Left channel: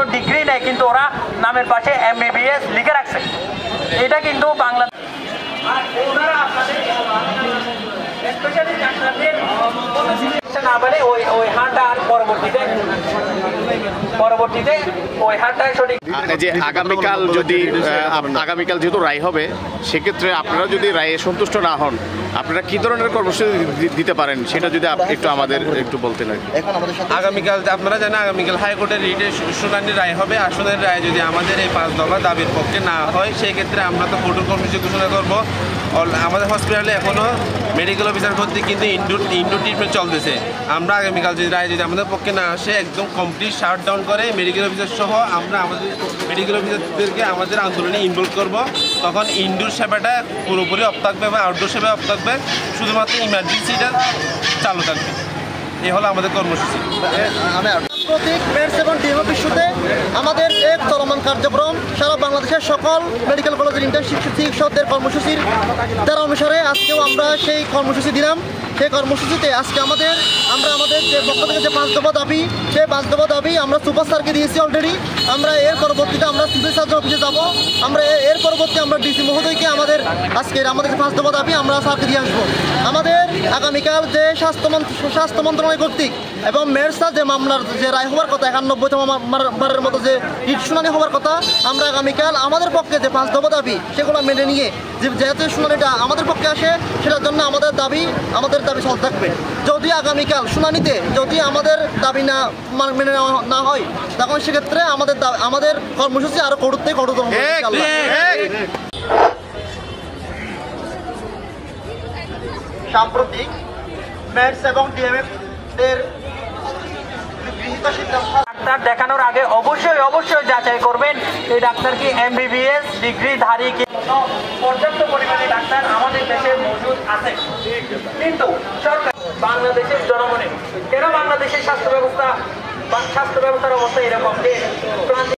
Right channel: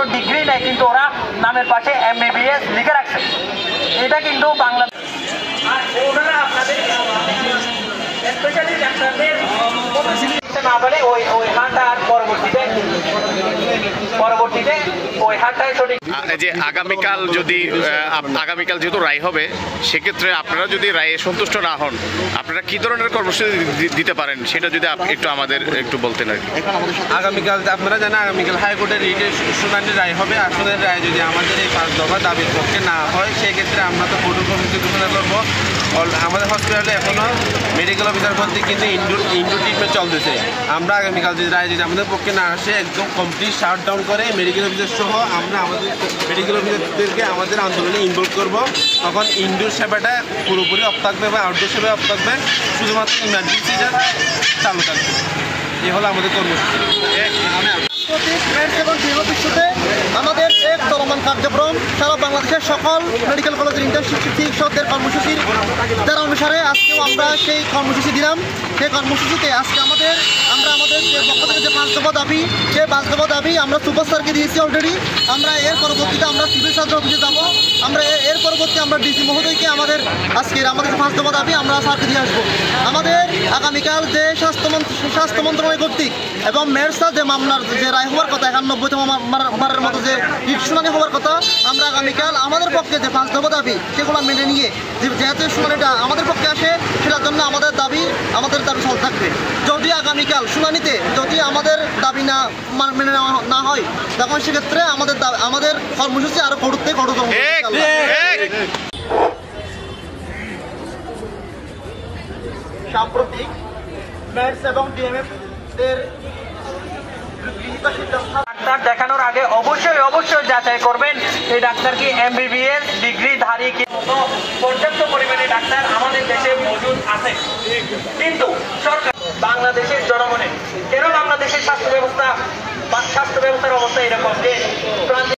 কোনো ডিগ্রি নেই, কিন্তু ওরা নামের পাশে MBBS লিখে রাখছে। এটা কিন্তু বাংলাদেশ না বলে ওই হাঁটা আর পরবর্তীতে ওই হাঁটায় সঠিক। যে আগামীকাল যেহেতু রায় হবে, সেক্ষেত্রে আপনারা যদি রায়ে সন্তুষ্ট না হন, আপনারা কি ধরনের কর্মসূচি দিতে পারেন সেটা যদি একটু আমাদের একটু বলতেন আর কি। আগামীকাল আপনারা জানেন আগামীকাল হাইকোর্টের রিটের শুনানির রায় হবে। আসনের রায় যদি আমাদের এই 5 দফা দাবির পক্ষে না হয়, সেই ক্ষেত্রে আমরা তো কঠোর কর্মসূচি ঘোষণা করবো। আমাদের হসপিটালে এখনও মেডিকেল অফিসার কর্তৃক কিন্তু ইনডোর ট্রিটমেন্ট চলতেছে। আমরা আগামীকাল যদি রায় যদি আমাদের পক্ষে না আসে, একদম কমপ্লিট শাটডাউন করে মেডিকেল অফিসার সহ আমরা আমাদের মেডিকেল অফিসারদেরকে আমাদের আন্দোলনে ইনভলভ করব। তখন ইনডোর সেবাটা পুরোপুরি অফ থাকবে বা আউটডোর সেবা অফ থাকবে, শুধুমাত্র ইমার্জেন্সিটা চালু থাকবে। এই হলো আমাদের কর্মসূচি। এবং ইস্যুতে আমাদের এক চলমান কার্যক্রম সারা বাংলাদেশের সকল মেডিকেল কলেজের ইন্টার্নশিপ চিকিৎসকদের কর্মসূচির দ্বারা অনুসারে আজকেও আমরা সেই কর্মসূচি দিলাম। সেই কর্মসূচিতে আজকে আমরা আমাদের যে পক্ষ থেকে যে 5 দফা দাবি, সেই 5 দফা দাবি আমরা সুপার স্যারকে দিয়েছি অলরেডি। আমরা এর পরবর্তীতে আমরা সিভিল সার্জন অফিসে যাব। আমরা এর পরবর্তী আমরা ডিসি মহোদয়কে আমাদের 5 দফা দাবি আমরা স্যারকে দিয়ে আসবো। আমাদের আগামীকাল যে স্বাস্থ্য মন্ত্রণালয় কর্তৃক এবং মেরসা যে মামলার যে রায় হওয়ার কথা, 91তম বারের মতো যে শুনানি হওয়ার কথা, আমরা আগামীকাল আমাদের পক্ষে যে 5 দফা দাবি সেগুলো মেনে নিয়ে যেহেতু শুনানিটা আমাদের পক্ষে আসে, সেটার জন্য আমাদের দাবি চলতে থাকবে। যদি আগামীকাল শুনানিতে যদি আমাদের দাবি মেনে নেওয়া না হয়, তখন সেক্ষেত্রে আমাদের কর্মসূচি আরো কঠোরতম হবে। সাম্প্রতিক মেরস এবং ডিএমএফ এর ডাক্তার দেখানোর আগে অবশ্যই যাচাই করবেন এই ডাক্তার কি MBBS ডিগ্রিধারী, কিন্তু পর্যাপ্ত পরিমাণে ডাক্তার আমাদের দেশে মজুদ আছে। কিন্তু সরকার বাংলাদেশের জনগণের কেন বাংলাদেশের স্বাস্থ্য ব্যবস্থার অবস্থা এরকম যে